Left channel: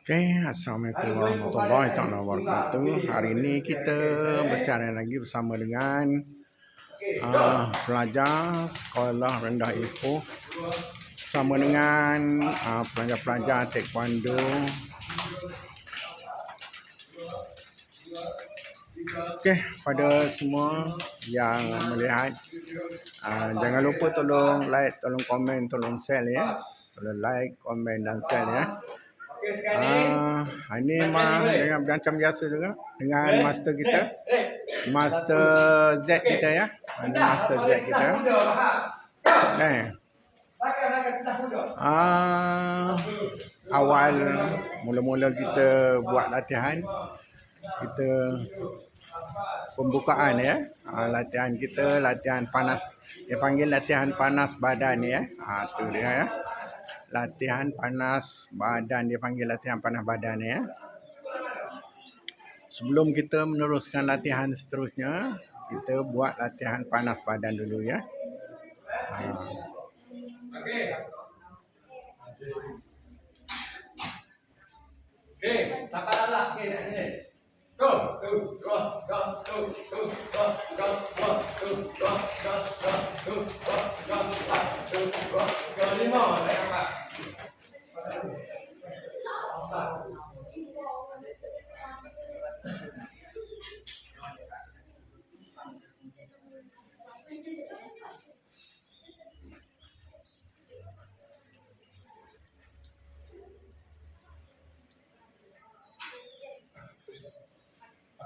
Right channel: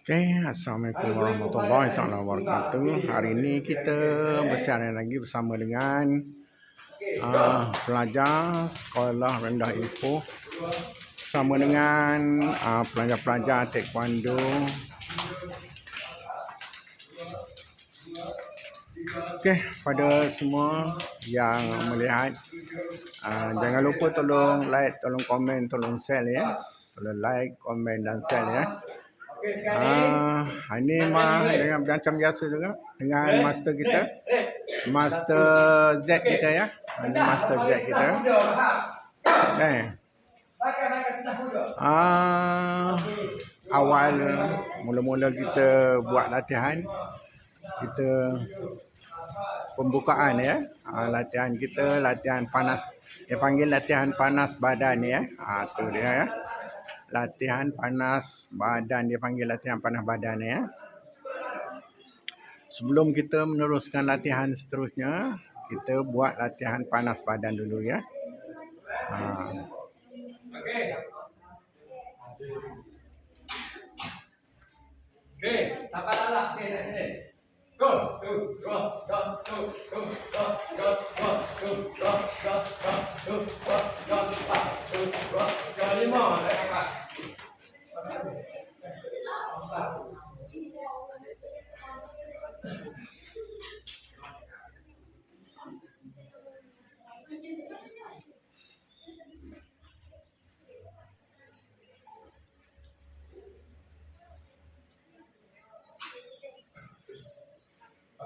Okay, Assalamualaikum warahmatullahi taala wabarakatuh. Hari ini kita bersiaran lagi bersama dengan pelajar sekolah rendah Ipoh bersama dengan pelajar-pelajar taekwondo. Okey, pada semua yang melihat, jangan lupa tolong like, tolong komen, tolong share ya. Tolong like, komen dan share ya. Ini dengan macam biasa juga dengan master kita, master Z kita ya. Ini master Z kita. Awal mula-mula kita buat latihan, kita pembukaan ya. Latihan kita latihan panas. Dia panggil latihan panas badan ya. Tu dia ya. Latihan panas badan, dia panggil latihan panas badan ya. Sebelum kita meneruskan latihan seterusnya, kita buat latihan panas badan dulu ya. Okey, siapa lalak ni nak sini? Go, tu, dua, dua, tu, tu, dua, dua, dua, tu, dua, dua, dua, tu, dua, dua, empat, tu, dua, dua, lima, saya angkat.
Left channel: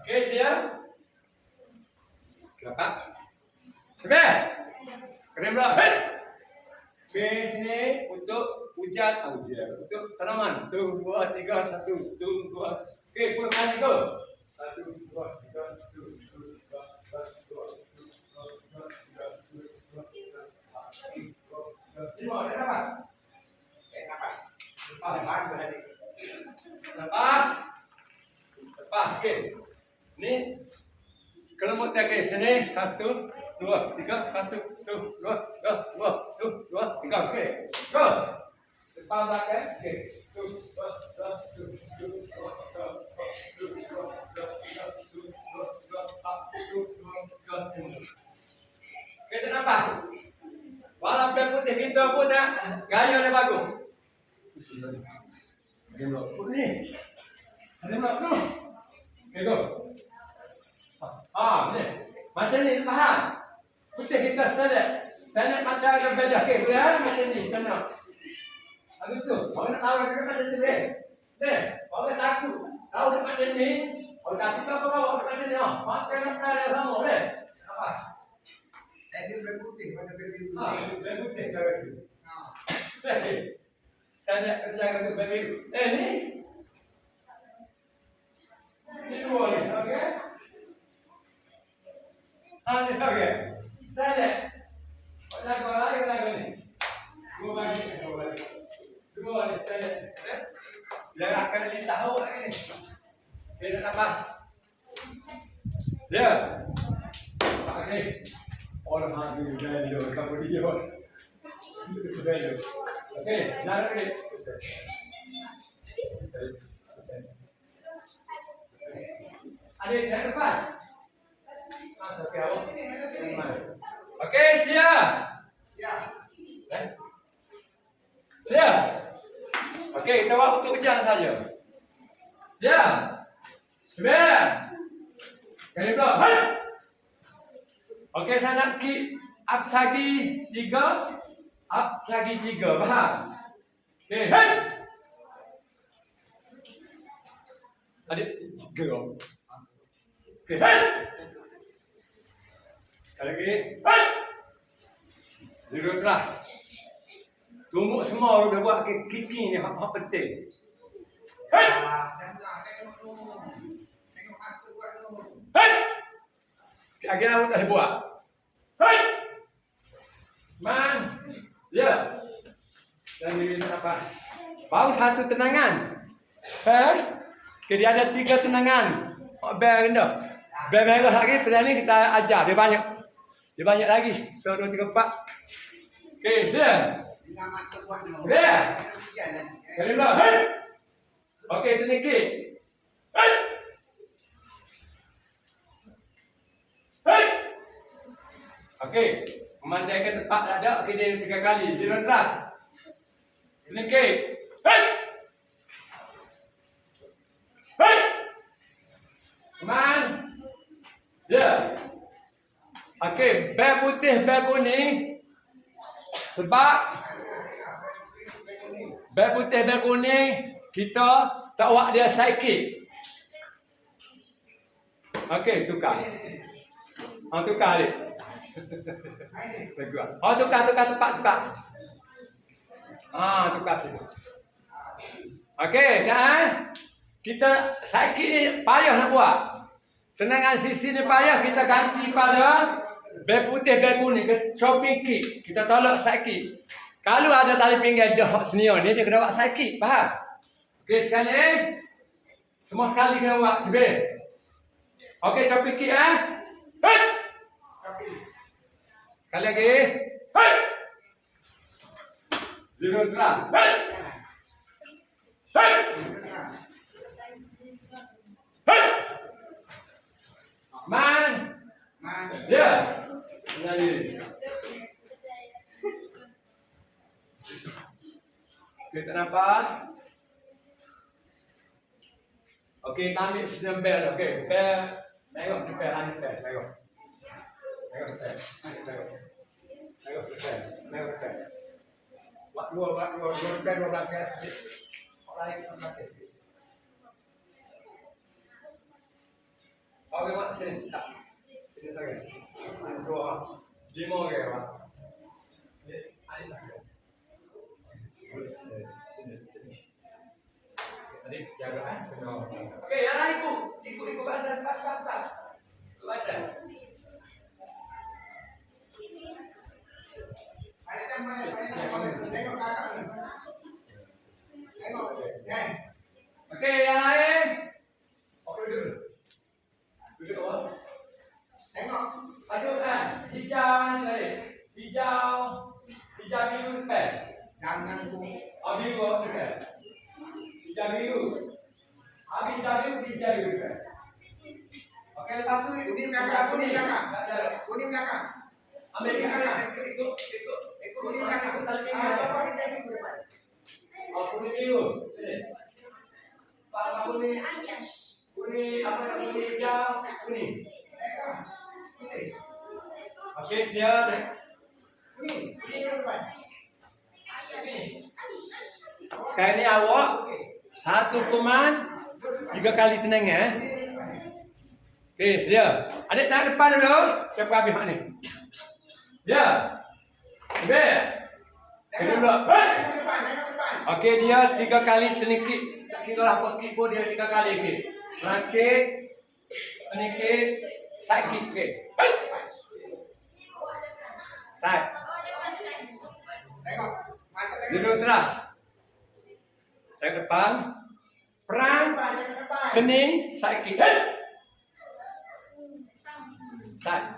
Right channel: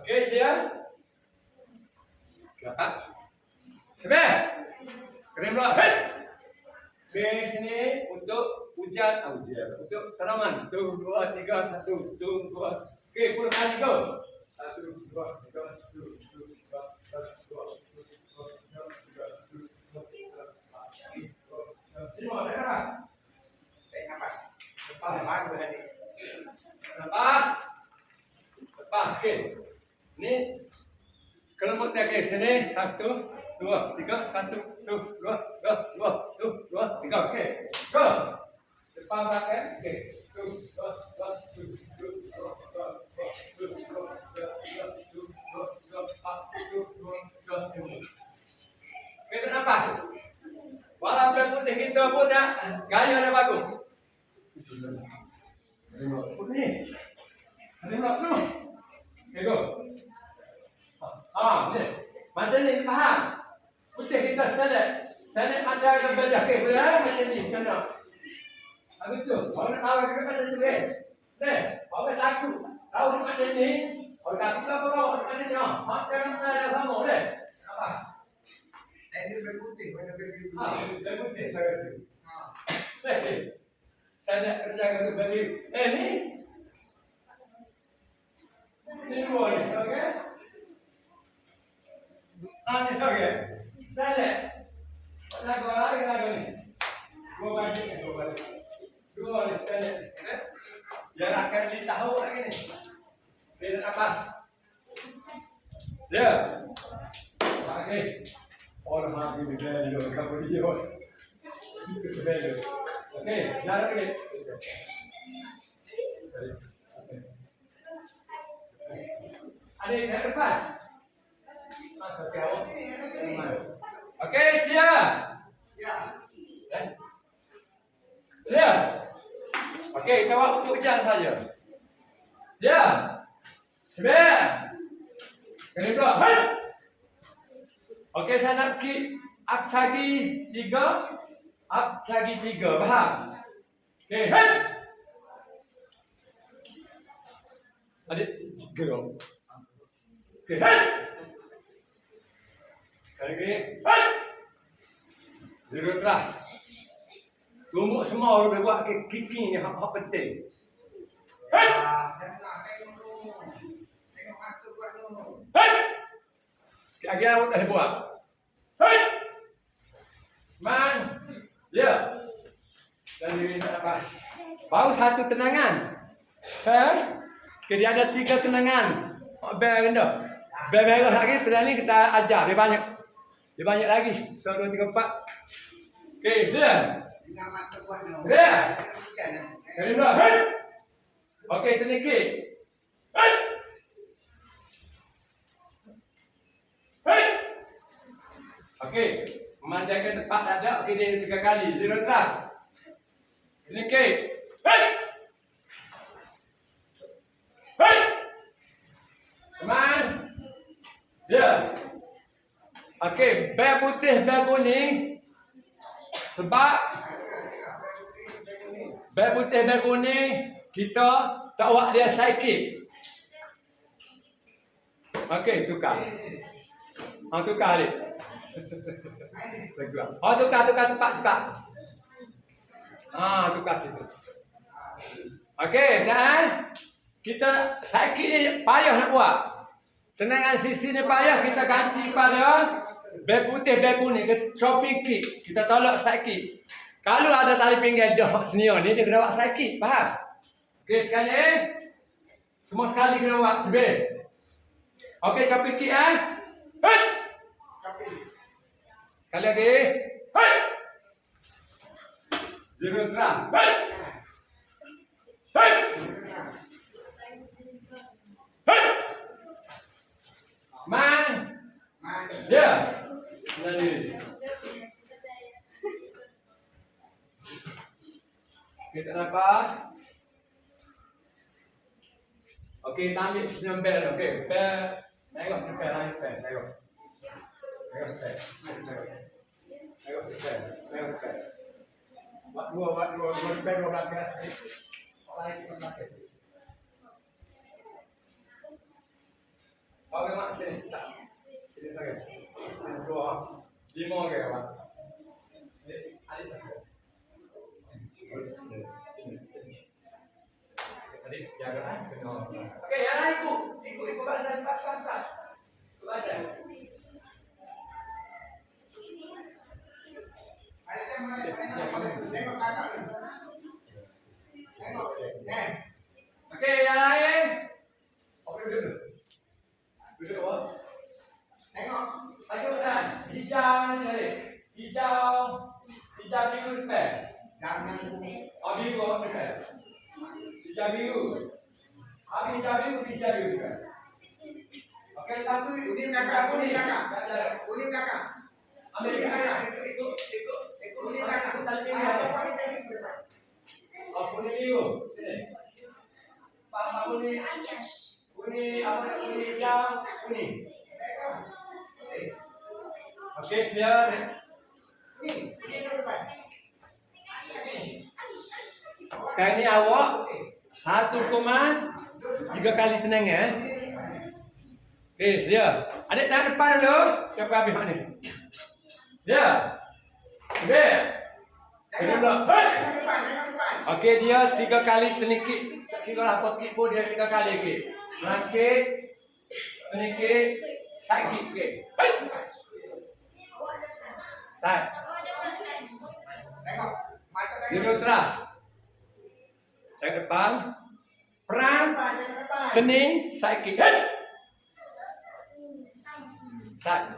Okey, siap? Dapat? Siap? Kena pula. Hei! Okey, sini untuk hujan, untuk tanaman. 1, 2, 3, 1, 2, 2. Okey, puluh kali go. 1, 2, 3, 1, 2, 3, 4, 5, dah. Lepas, okey. Ni kelompok tiga ke sini 1, 2, 3, 1, 2, 2, 2, 3, okey. Go. Depan belakang, okey. 1, 2, 3, 4. Okey, tak nafas. Walaupun putih kita pun tak gaya dia bagus. Ni. Ada blok tu. Okey, go. Ni. Macam ni, faham? Putih kita standard macam ada beda. Okey, boleh macam ni, sana. Habis tu, orang nak tahu kita macam tu eh. Ni, orang takut. Tahu dia macam ni. Orang takut apa kau macam ni. Macam ada sama, boleh? Apa? Dia berputih, mana berputih? Berputih cara tu. Okey. Standard kerja tu bagi. Ni. Ni boleh, okey? Ni okey. Standard. Lagu ni. Dua balik. Dua ni standard. Biar akan dia tahu lagi ni. Dia nak nafas. Dia. Okey. Orang habis value kamu dia. Value. Okey, naruh ni. Ada di depan. Masuk ke awak. Okey, siap. Siap. Okey, kita buat untuk hujan saja. Siap. Siap. Kali pula. Hai. Okey, saya nak kick up lagi 3. Up lagi 3. Faham? Okey, hai. Ada 3. Okey, hai. Sekali lagi. Hai. Duduk keras. Tumbuk semua orang buat kicking ni hak penting. Hai. Tengok master buat tu. Hai. Lagi awak tak boleh buat. Hai. Man. Ya. Dan diri nafas. Baru satu tenangan. Hai. Jadi ada 3 tenangan. Bel rendah. Bel merah lagi, pelan ni kita ajar. Dia banyak lagi. 1, 2, 3, 4. Okey, siap. Dengan master buat tu. Boleh? Kali pula. Hei. Okey, ternikik. Hei. Hei. Okey. Memandaikan tepat dada. Okey, dia 3 kali. Zero trust. Ternikik. Hei. Hei. Come on. Ya. Okey, bel putih, bel kuning. Sebab bel putih, bel kuning, kita tak buat dia sikit. Okey, tukar. Tukar balik. Tukar tepat sebab. Tukar situ. Okey, kan? Kita sikit ni payah nak buat. Tenangan sisi ni payah, kita ganti pada bel putih, bel kuning ke chopping kick. Kita tolak sikit. Kalau ada tali pinggang dah senior ni, dia kena buat sikit. Faham? Okey, sekali. Semua sekali kena buat sebel. Okey, chopping kick Hei! Sekali lagi. Hei! Zero trust. Hei! Hei! Hei! Man. Ya. Jadi. Kita nafas. Okey, ambil sedang bel. Okey, bel. Tengok bel, ambil bel. Tengok. Tengok bel. Tengok bel. Tengok bel. Buat dua bel, dua bagian. Orang lain kita pakai. Okey, mak sini. Tak. Sini saja. Sini dua. 5 ke apa? Ada tak? Tadi jaga kan? Okey, yang lain ikut bahasa cepat. Bahasa. Tengok kakak ni. Tengok. Okey, yang lain. Okey, duduk. Duduk awak. Tengok. Tajuk kan? Hijau tadi. Hijau biru depan. Jangan Biru depan. Hijau biru. Habis hijau biru depan. Okey, lepas tu kuning kakak, kuning kakak. Tak ada. Kuning kakak. Ambil dia ikut. Kuning kakak. Tali pinggang. Apa ini tadi berapa? Kuning biru. Sini. Pak kuning. Kuning apa nak kuning hijau? Kuning. Tengok. Kuning. Okey, siap. Kuning berapa? Sekarang ni awak satu kuman 3 kali tenang ya. Okey, siap. Adik tahan depan dulu. Siapa habis mak ni? Ya. Ambil. Kena pula. Tengok depan. Okey, dia 3 kali ternikik. Tak kira lah apa kik pun dia 3 kali. Okey. Langkit. Ternikik. Sakit. Okey. Side. Tengok. Mata tengok. Zero trust. Saya depan. Perang. Depan. Kening. Sakit. Side.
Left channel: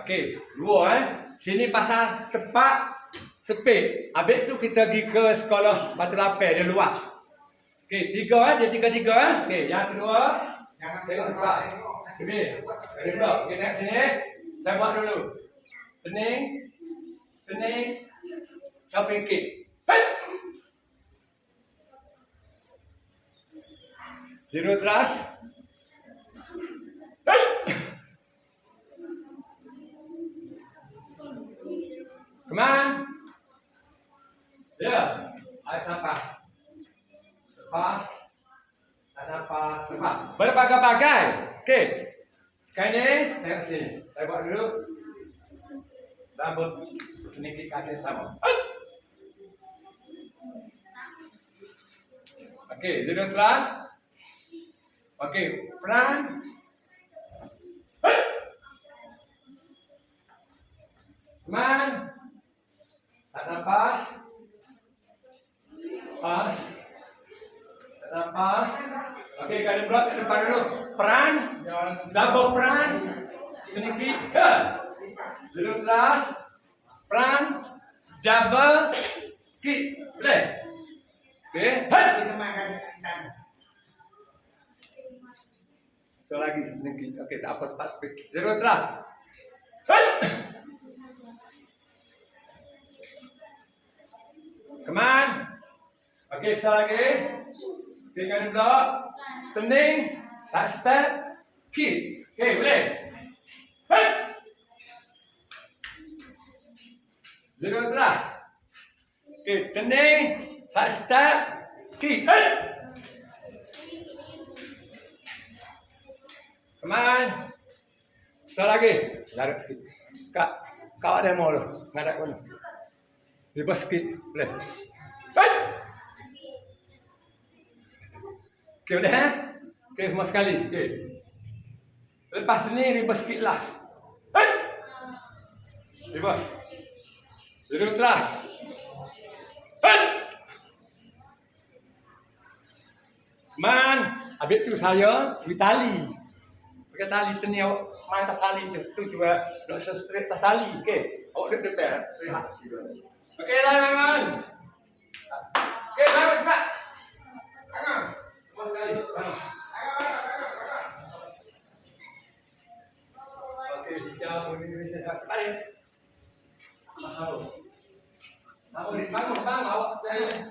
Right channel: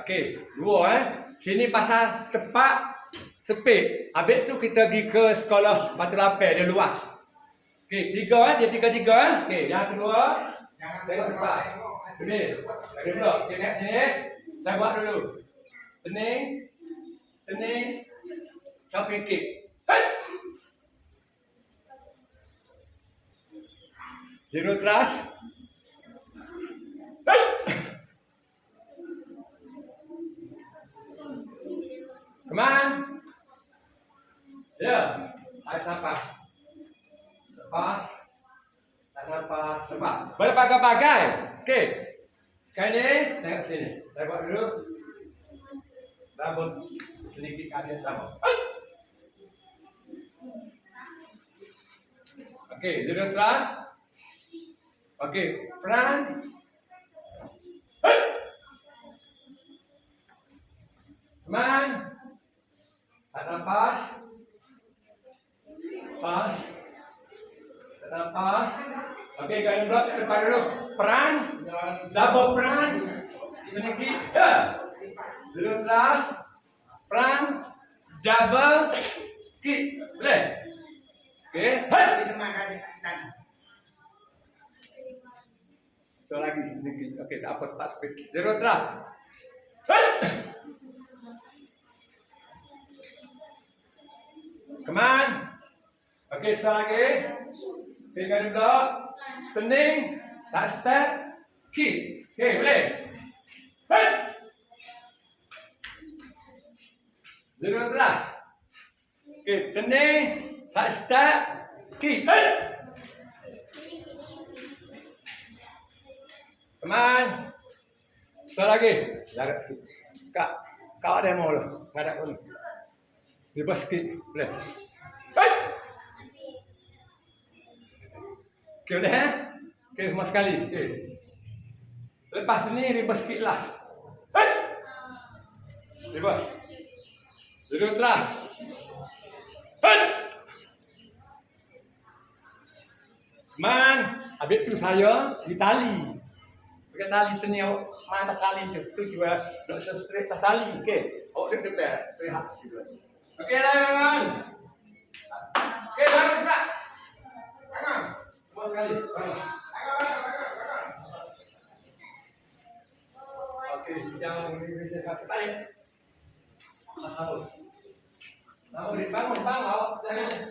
Okey. 2 Sini pasal tepat. Sepit. Habis tu kita pergi ke sekolah Batu Lapar. Dia luas. Okey. 3 Dia 3. Okey. Yang kedua. Jangan Tengok depan. Sini. Ada pula. Okey, tengok sini. Saya buat dulu. Pening. Jumping kick. Hei! Zero trust. Hei! Come on. Ya. Tarik nafas. Lepas. Tarik nafas. Lepas. Berbagai-bagai. Okey. Sekarang ni, tengok sini. Saya buat dulu. Double sedikit kaki sama. Okey, zero trust. Okey, front. Man. Tak nafas. Pas. Tak nafas. Okey, kalian blok ke depan dulu. Front. Double front. Sedikit. Zero trust. Front. Double kick. Boleh? Okey. Hei. Kita makan dan. So lagi sedikit. Okey, tak apa, tak speed. Zero terus. Hei. Come on. Okey, so lagi. Okey, kali blok. Pening. Side step. Kick. Okey, boleh. Hei. Zero terus. Okey, pening. Side step. Kick. Hei. Come on. Sekali lagi. Jarak sikit. Kau ada yang mau tu. Ngadak pun. Lepas sikit. Boleh. Hei. Okey, boleh eh? Okey, semua sekali. Okey. Lepas ni, ribas sikit last. Hei. Ribas. Duduk keras. Hei. Man. Habis tu saya beri tali. Pakai tali teniau. Mana tali tu. Tu juga nak straight tali. Okey. Awak duduk depan. Okey lah, man. Okey, bangun tak? Tangan. Semua sekali. Bangun. Tangan. Okey, jauh ni sekali. Bangun, awak.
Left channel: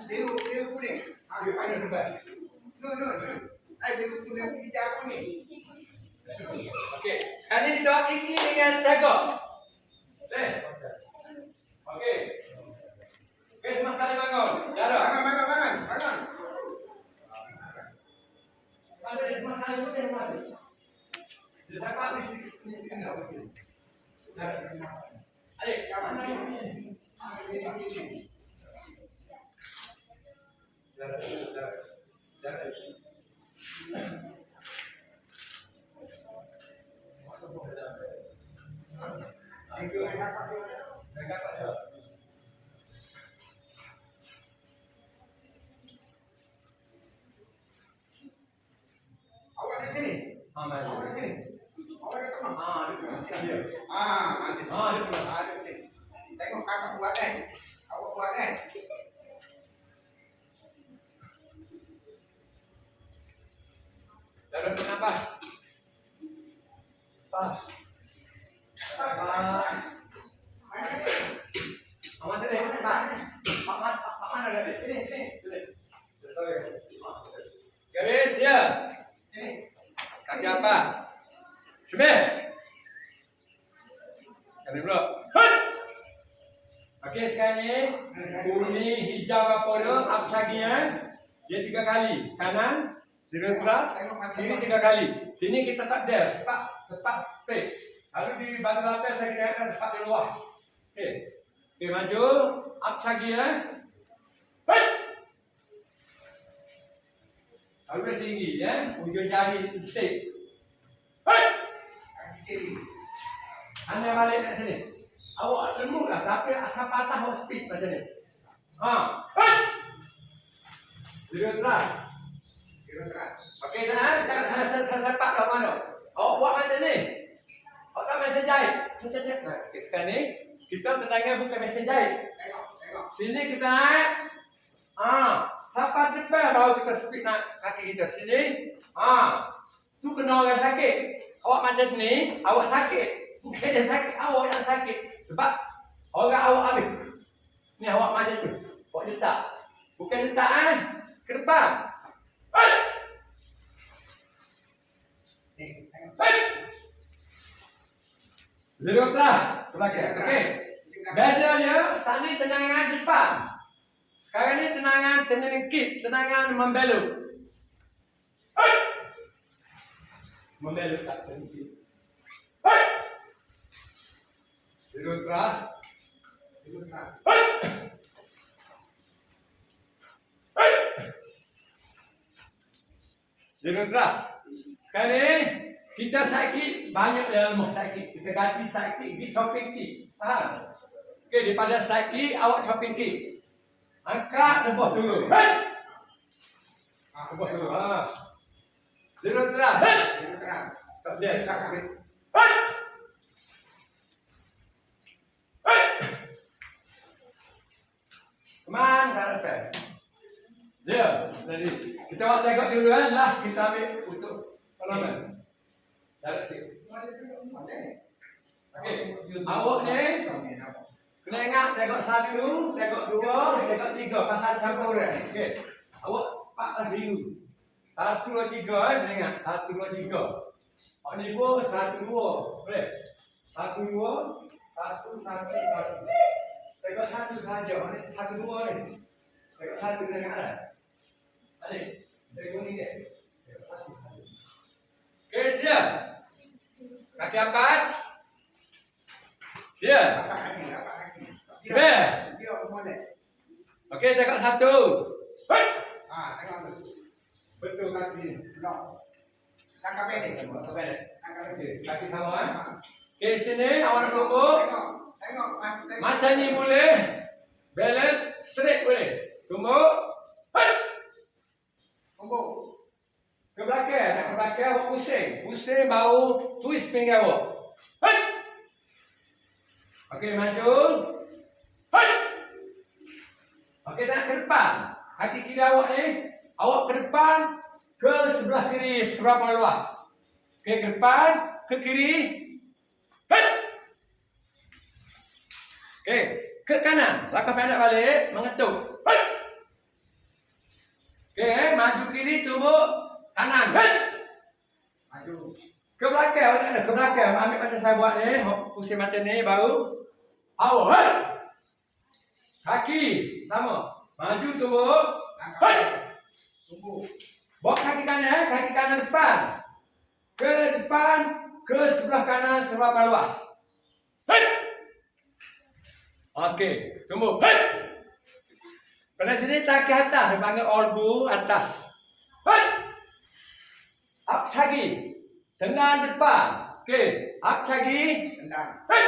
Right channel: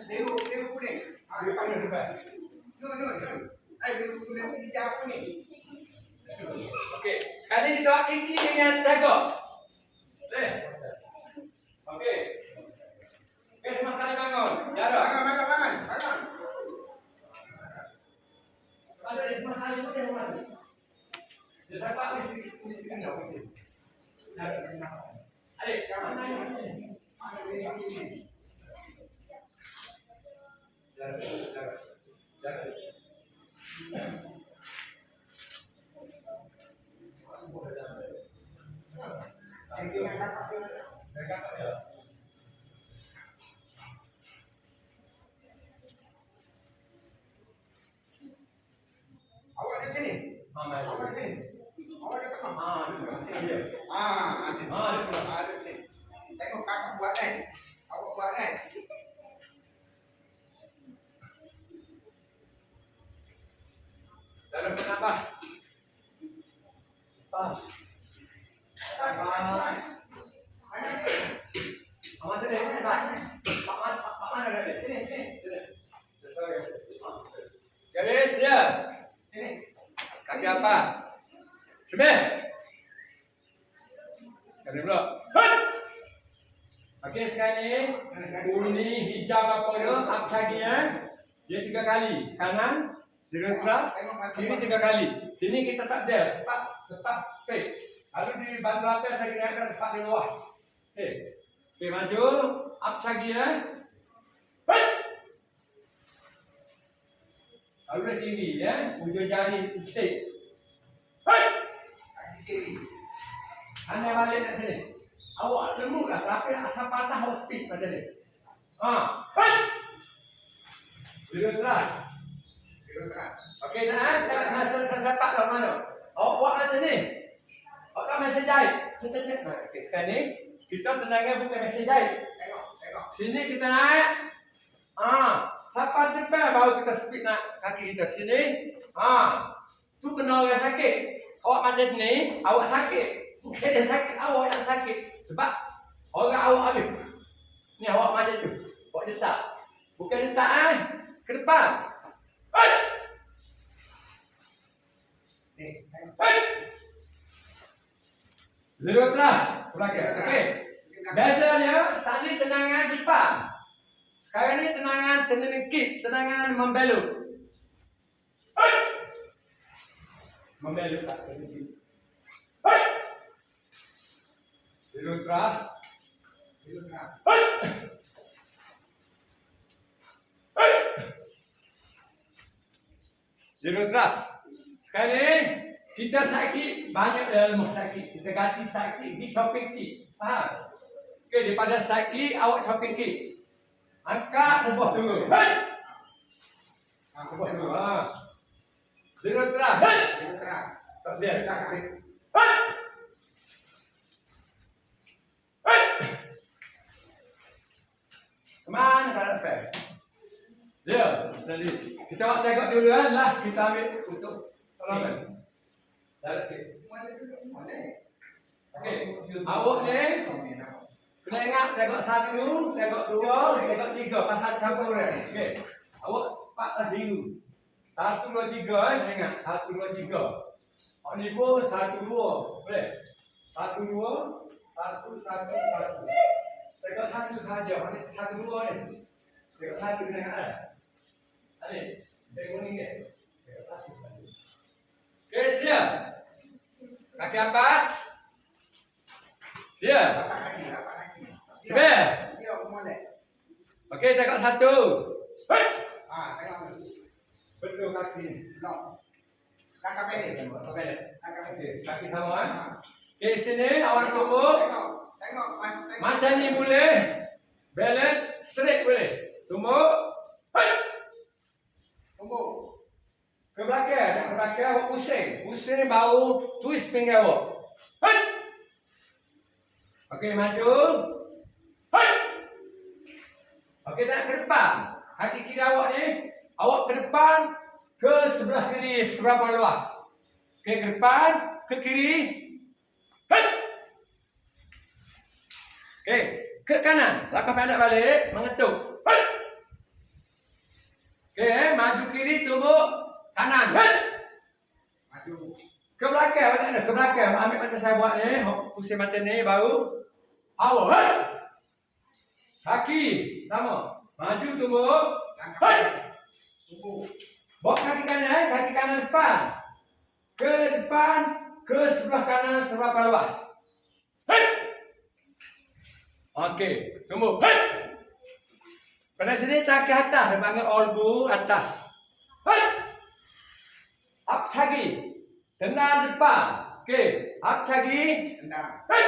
Biru kuning. Dia depan. No. Biru kuning hijau kuning. Okey, kali ni kita ini dengan tegak. Okey. Okey, semua sekali bangun. Jarak. Bangun. Ada semua sekali pun yang mana? Dia dapat mesti kena. Okey. Jarak. Adik, jangan naik. Jarak. Awak di sini. Awak di sini. Awak di tengah. Dia. Di sini. Tengok kakak buat awak buat Dalam bernafas. Pas. Awak sedih, Pak. Pak mana ada? Sini. Garis dia. Sini. Kaki apa? Sebeh. Kaki blok. Hut. Okey, sekarang ni kuning, hijau apa tu? Apa saginya? Dia 3 kali. Kanan, zero keras. Kiri 3 kali. Sini kita tak dash. Tepat straight. Lalu di bantu lapis saya kira ada tepat di luar. Okey, maju. Up saginya. Hut. Lalu dari sini ya, ujung jari straight. Hei! Kaki kiri. Anda balik dari sini. Awak lembut lah, tapi asal patah awak speed macam ni. Hei! Duduk keras. Okey, jangan sepak lah mana. Awak buat macam ni. Awak tak mesej jahit. Cek. Okey, sekarang ni kita tenangnya bukan mesej jahit. Tengok. Sini kita naik. Sampai depan baru kita speed nak kaki kita sini. Tu kena orang sakit. Awak macam ni, awak sakit. Bukan dia sakit, awak yang sakit. Sebab orang awak habis. Ni awak macam tu. Awak letak. Bukan letak ke depan. Hei! Hei! Zero kelas. Belakang. Okey. Bezanya, tadi tenangan depan. Sekarang ni tenangan tenengkit, tenangan membelok. Hei! Membelok tak tenengkit. Hei! Zero keras. Hei! Hei! Zero keras. Sekarang ni kita sakit banyak ilmu sakit. Kita ganti sakit, pergi chopping kick. Faham? Okey, daripada sakit awak chopping kick. Angkat tebas dulu. Hei! Tebas dulu. Zero keras. Hei! Tak boleh. Hei! Hei! Come on, Karakai. Ya, jadi kita nak tengok dulu kan. Last kita ambil untuk perlawanan. Jarak sikit. Okey. Awak ni kena ingat tengok 1, tengok 2, tengok 3 pasal campur dia. Okey. Awak paklah biru. 1, 2, 3 kena ingat. 1, 2, 3. Awak ni pun 1, 2. Boleh? 1, 2, 1, 1, 1. Tengok 1 saja. Mana 1, 2 ni. Tengok 1 kena ingat dah. Adik, tengok ni ke? Tengok 1 saja. Okey, siap. Kaki empat. Siap. Apa kaki? Siap. Dia molek. Okey, tengok 1. Hei. Tengok tu. Betul kaki ni. Lock. Langkah pendek. Apa pendek? Langkah pendek. Okey, kaki sama kan? Okey, sini awak tumbuk. Tengok. Macam ni boleh. Balance straight boleh. Tumbuk. Hei. Tumbuk. Ke belakang, jangan ke belakang awak pusing. Pusing baru twist pinggang awak. Hei. Okey, maju. Hei. Okey, nak ke depan. Kaki kiri awak ni, awak ke depan, ke sebelah kiri seberapa luas. Okey, ke depan, ke kiri. Hei. Okey, ke kanan. Langkah pendek balik, mengetuk. Hei. Okey, maju kiri, tumbuk kanan. Hei. Maju. Ke belakang, awak tak ada. Ke belakang. Ambil macam saya buat ni. Pusing macam ni, baru. Awak. Hei. Kaki. Sama. Maju, tumbuk. Langkah Hei. pendek. Tumbuk. Bawa kaki kanan. Kaki kanan depan. Ke depan. Ke sebelah kanan, seberapa luas. Hei. Okey. Tumbuk. Hei. Pada sini kaki atas. Dia panggil olbu atas. Hei. Up lagi. Tendang depan. Okey. Up lagi. Tendang. Hei.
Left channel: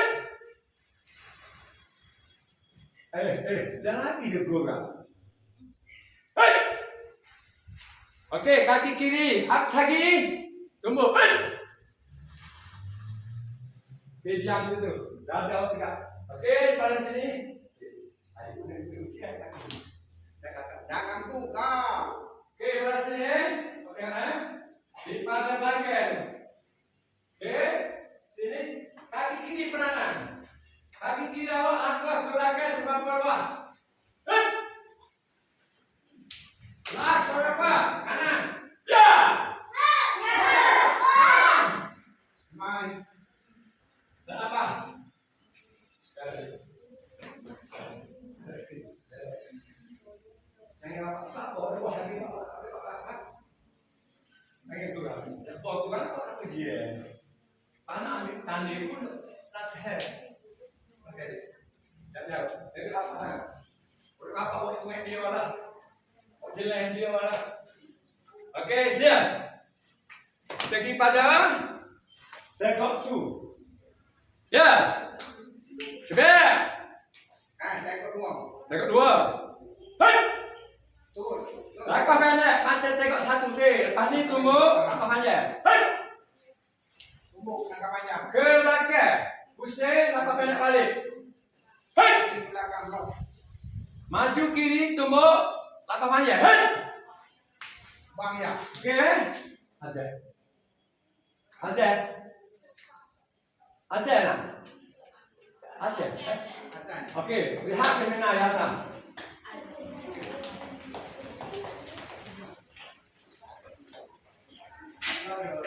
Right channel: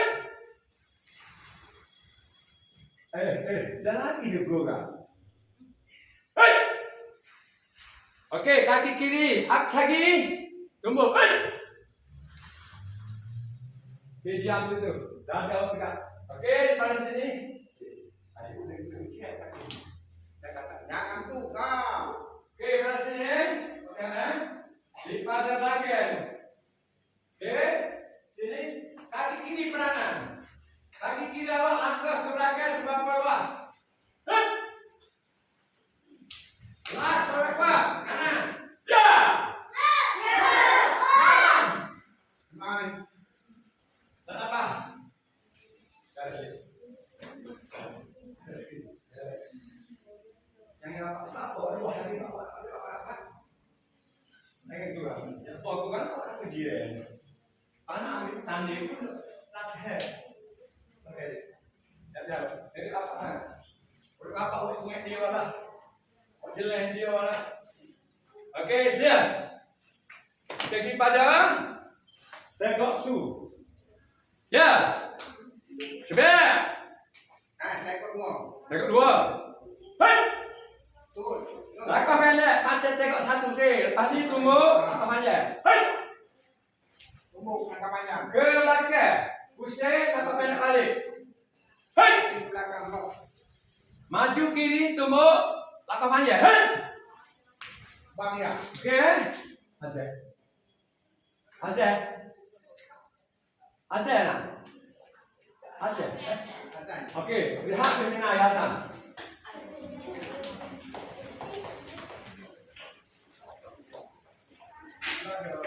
Jangan lagi dia bergerak. Hei. Okey, kaki kiri. Up lagi. Tumbuk. Hei. Okey, diam situ. Dah jauh tegak. Okey, pada sini. Jangan tukar. Okey, pada sini. Okey, di pada belakang. Okey, sini. Kaki kiri perangan. Kaki kiri awak langkah ke belakang seberapa luas. Hei. Las berapa? Kanan. Ya. Main. Tak lepas. Jangan apa-apa. Ruah lagi apa-apa. Jangan tu lah. Yang tu aku kan apa dia. Anak ambil tanding pun latihan. Okey. Jadi apa? Boleh apa awak semua dia lah. Jalan dia lah. Okey, siap. Segi pada tengok tu. Ya. Cepat. Tengok dua. Tengok 2. Hei. Turun. Langkah pendek macam tengok 1 ke. Lepas ni tumbuk langkah panjang. Hei. Tumbuk langkah panjang. Ke belakang. Pusing langkah pendek balik. Hei. Di belakang lock. Maju kiri tumbuk langkah panjang. Hei. Bang ya. Okey. Azal. Azal. Azal nak. Azal. Azan. Okey, lihat seminar ya Azal. Ada